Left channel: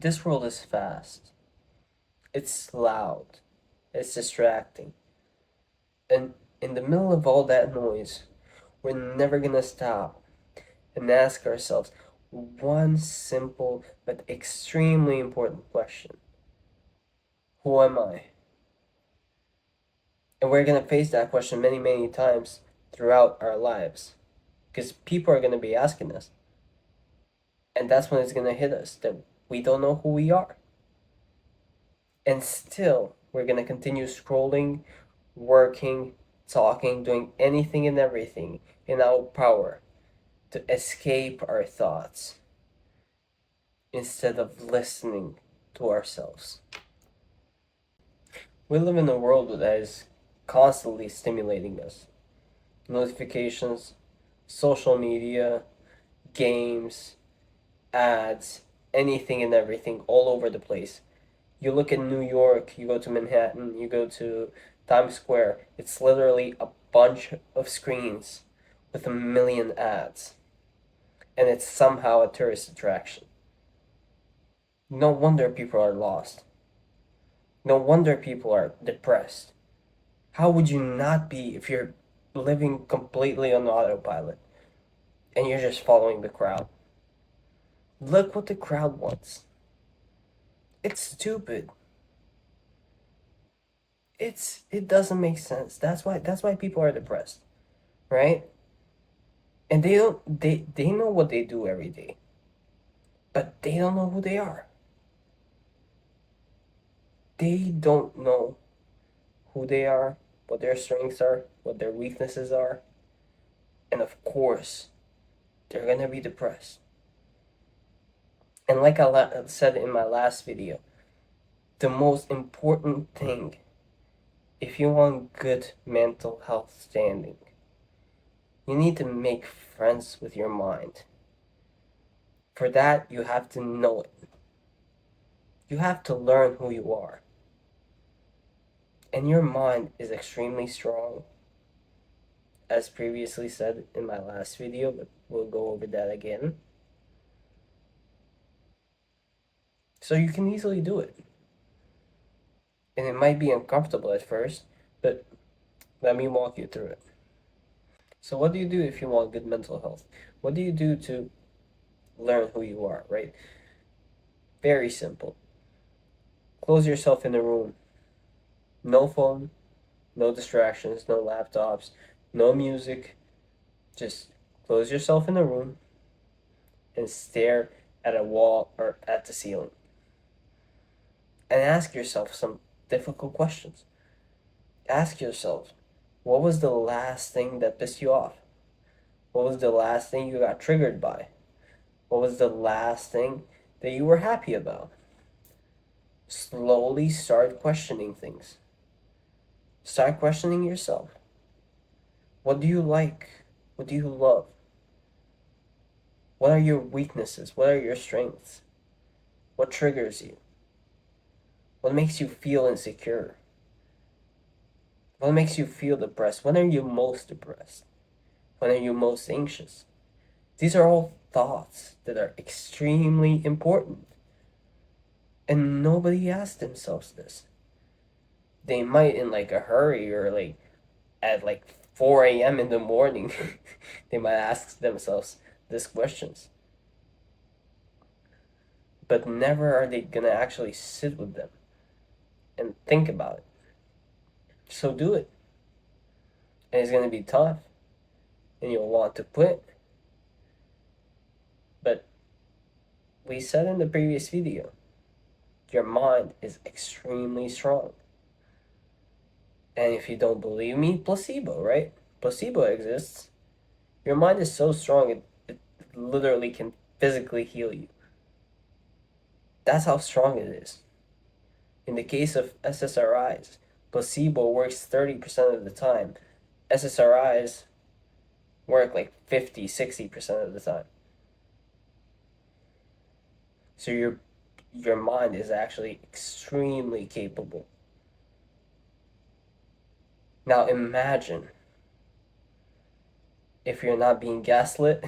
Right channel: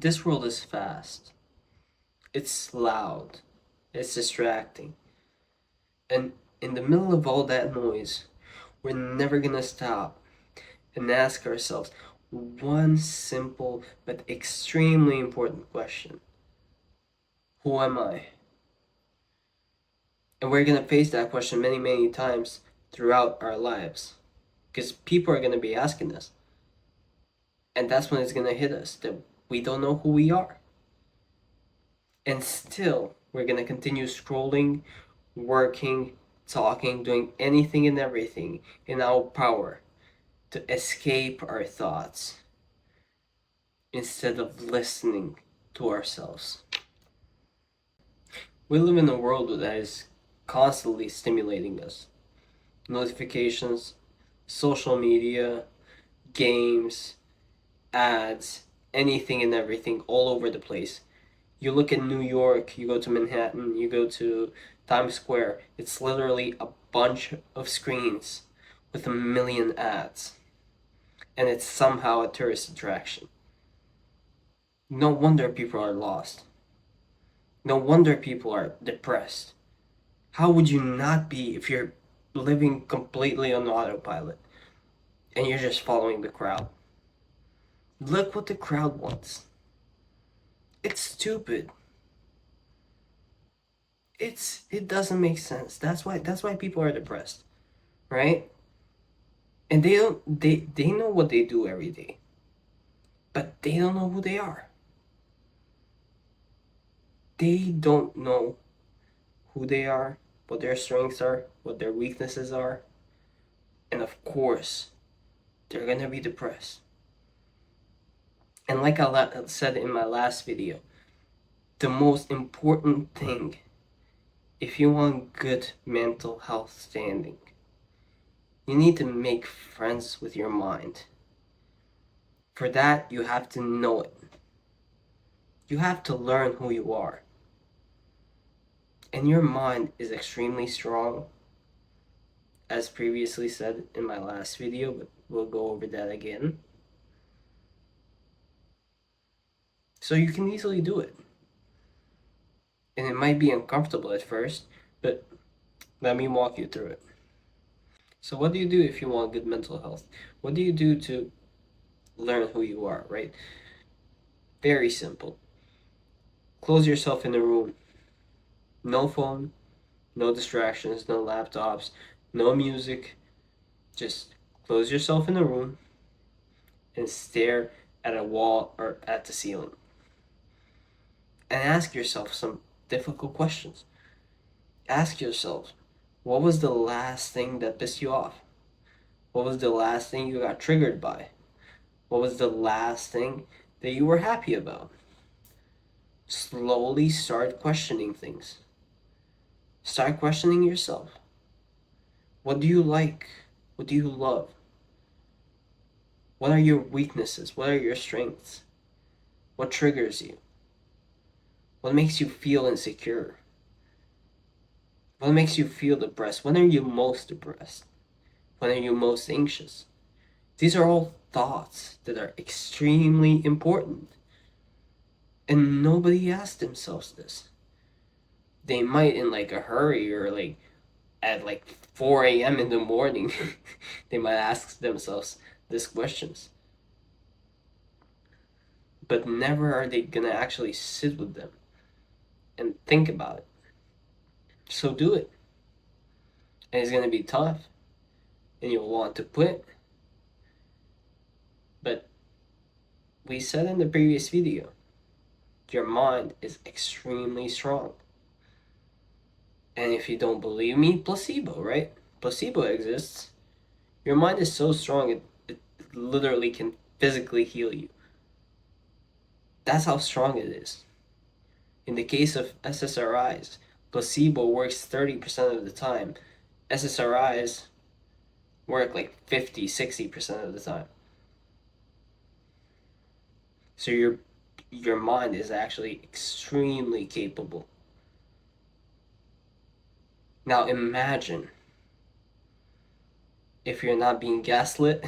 This world is fast. It's loud. It's distracting. And in the middle of all that noise, we're never gonna stop and ask ourselves one simple but extremely important question. Who am I? And we're gonna face that question many, many times throughout our lives. Because people are gonna be asking us. And that's when it's gonna hit us that we don't know who we are. And still, we're gonna continue scrolling, working, talking, doing anything and everything in our power to escape our thoughts instead of listening to ourselves. We live in a world that is constantly stimulating us. Notifications, social media, games, ads, anything and everything all over the place. You look at New York, you go to Manhattan, you go to Times Square, it's literally a bunch of screens with a million ads. And it's somehow a tourist attraction. No wonder people are lost. No wonder people are depressed. How would you not be if you're living completely on autopilot and you're just following the crowd? Look what the crowd wants. It's stupid. It doesn't make sense. That's why people are depressed, right? And they know what they do every day, but they don't know who they are. They don't know who they are, what their strengths are, what their weaknesses are, and of course, they're gonna be depressed. And like I said in my last video, the most important thing if you want good mental health standing, you need to make friends with your mind. For that, you have to know it. You have to learn who you are. And your mind is extremely strong, as previously said in my last video, but we'll go over that again. So you can easily do it. And it might be uncomfortable at first, but let me walk you through it. So what do you do if you want good mental health? What do you do to learn who you are, right? Very simple. Close yourself in a room. No phone, no distractions, no laptops, no music. Just close yourself in a room and stare at a wall or at the ceiling. And ask yourself some difficult questions. Ask yourself, what was the last thing that pissed you off? What was the last thing you got triggered by? What was the last thing that you were happy about? Slowly start questioning things. Start questioning yourself. What do you like? What do you love? What are your weaknesses? What are your strengths? What triggers you? What makes you feel insecure? What makes you feel depressed? When are you most depressed? When are you most anxious? These are all thoughts that are extremely important. And nobody asks themselves this. They might in like a hurry or like at like 4 a.m. in the morning, they might ask themselves these questions. But never are they gonna actually sit with them and think about it. So do it. And it's gonna be tough and you'll want to quit. But we said in the previous video, your mind is extremely strong. And if you don't believe me, placebo, right? Placebo exists. Your mind is so strong, it literally can physically heal you. That's how strong it is. In the case of SSRIs, placebo works 30% of the time. SSRIs work like 50-60% of the time. So your mind is actually extremely capable. Now imagine if you're not being gaslit,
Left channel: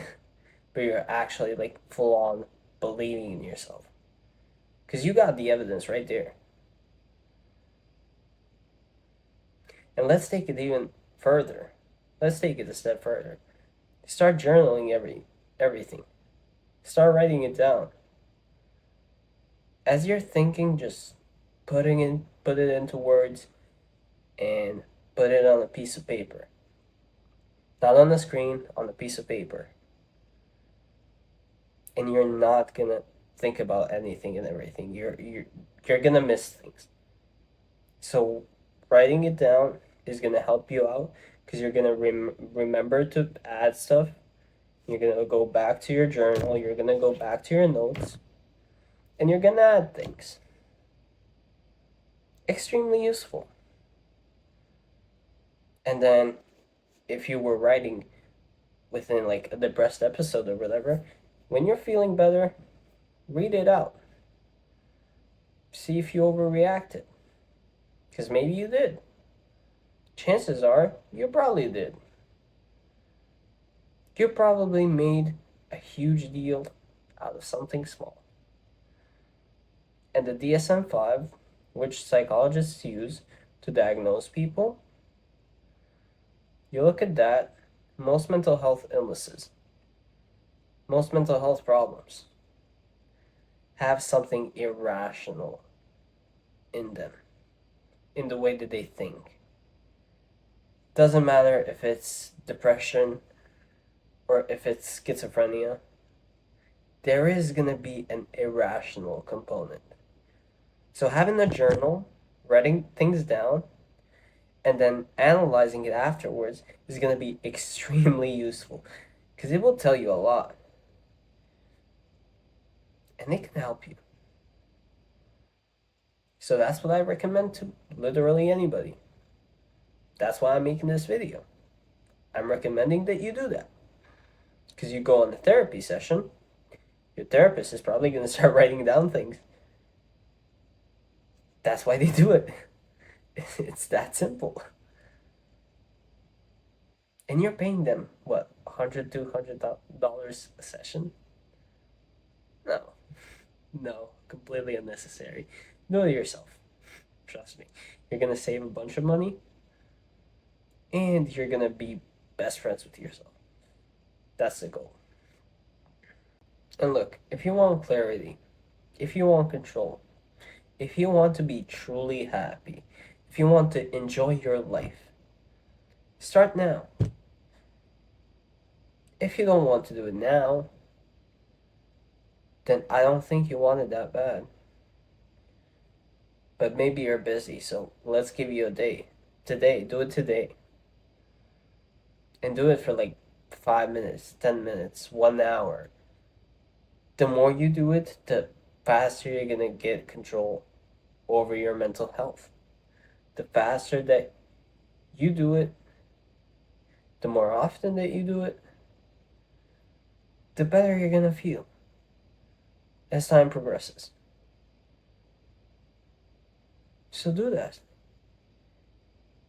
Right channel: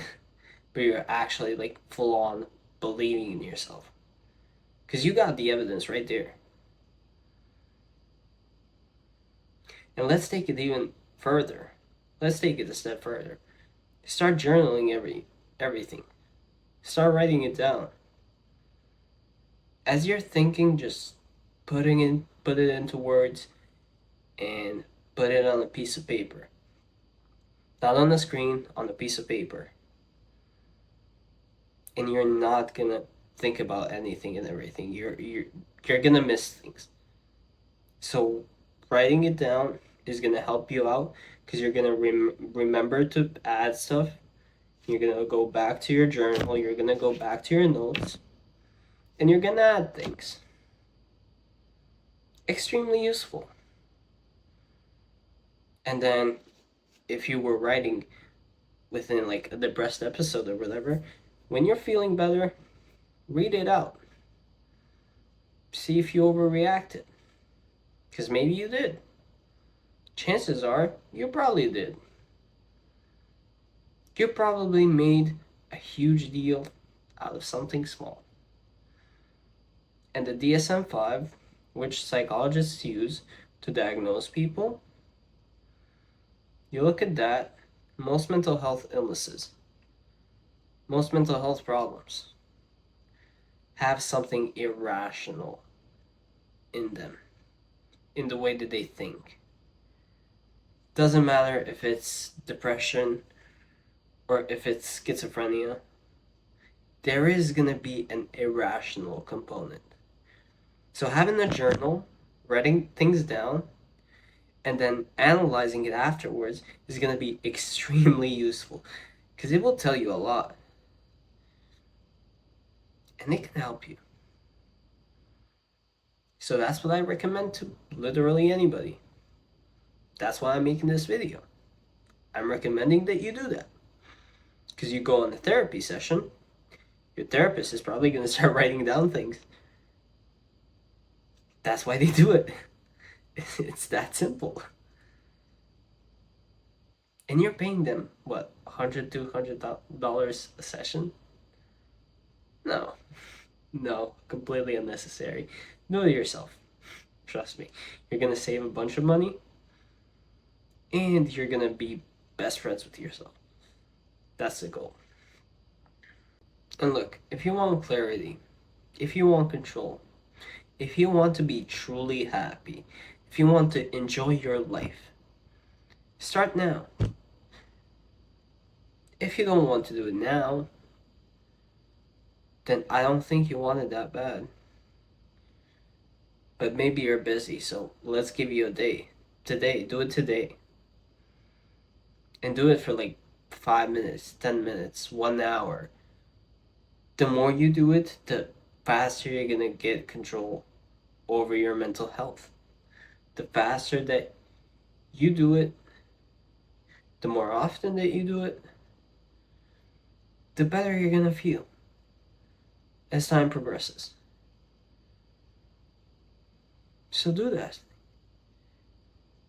but you're actually like full on believing in yourself. Because you got the evidence right there. And let's take it even further. Let's take it a step further. Start journaling everything. Start writing it down. As you're thinking, just put it into words and put it on a piece of paper. Not on the screen, on a piece of paper. And you're not gonna think about anything and everything. You're gonna miss things. So writing it down is gonna help you out because you're gonna remember to add stuff. You're gonna go back to your journal. You're gonna go back to your notes, and you're gonna add things. Extremely useful. And then, if you were writing within like a depressed episode or whatever, when you're feeling better, read it out. See if you overreacted. Because maybe you did. Chances are you probably did. You probably made a huge deal out of something small. And the DSM-5, which psychologists use to diagnose people, you look at that, most mental health illnesses, most mental health problems have something irrational in them, in the way that they think. Doesn't matter if it's depression or if it's schizophrenia, there is going to be an irrational component. So having a journal, writing things down, and then analyzing it afterwards is going to be extremely useful because it will tell you a lot. And it can help you. So that's what I recommend to literally anybody. That's why I'm making this video. I'm recommending that you do that. Because you go on a therapy session, your therapist is probably going to start writing down things. That's why they do it. It's that simple. And you're paying them, what, $100, $200 a session? No. No, completely unnecessary. Do it yourself. Trust me. You're going to save a bunch of money, and you're going to be best friends with yourself. That's the goal. And look, if you want clarity, if you want control, if you want to be truly happy, if you want to enjoy your life, start now. If you don't want to do it now, then I don't think you want it that bad. But maybe you're busy, so let's give you a day. Today, do it today. And do it for like 5 minutes, 10 minutes, 1 hour. The more you do it, the faster you're gonna get control over your mental health. The faster that you do it, the more often that you do it, the better you're gonna feel as time progresses. So do that.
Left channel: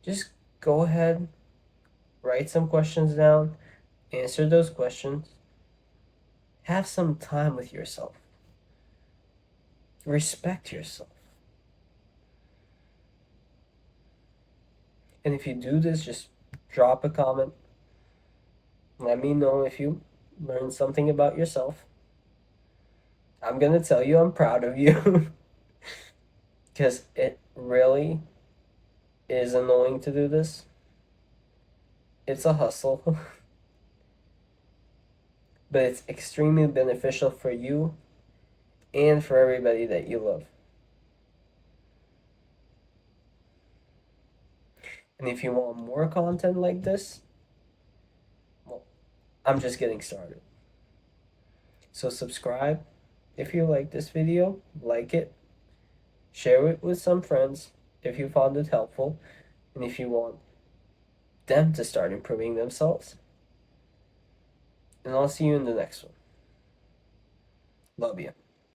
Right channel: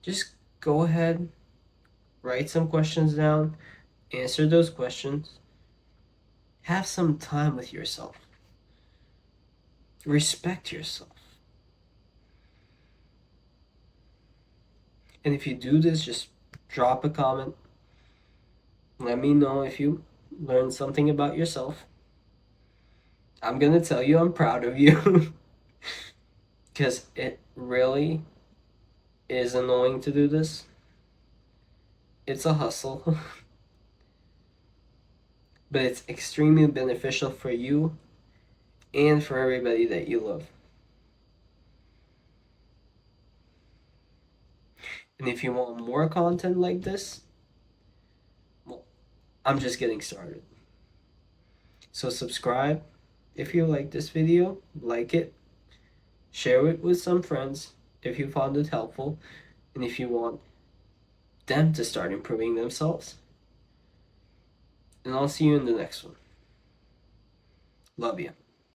Just go ahead, write some questions down, answer those questions, have some time with yourself, respect yourself. And if you do this, just drop a comment. Let me know if you learned something about yourself. I'm gonna tell you I'm proud of you because it really is annoying to do this. It's a hustle, but it's extremely beneficial for you and for everybody that you love. And if you want more content like this, well, I'm just getting started. So subscribe if you like this video, like it, share it with some friends if you found it helpful, and if you want them to start improving themselves. And I'll see you in the next one. Love you.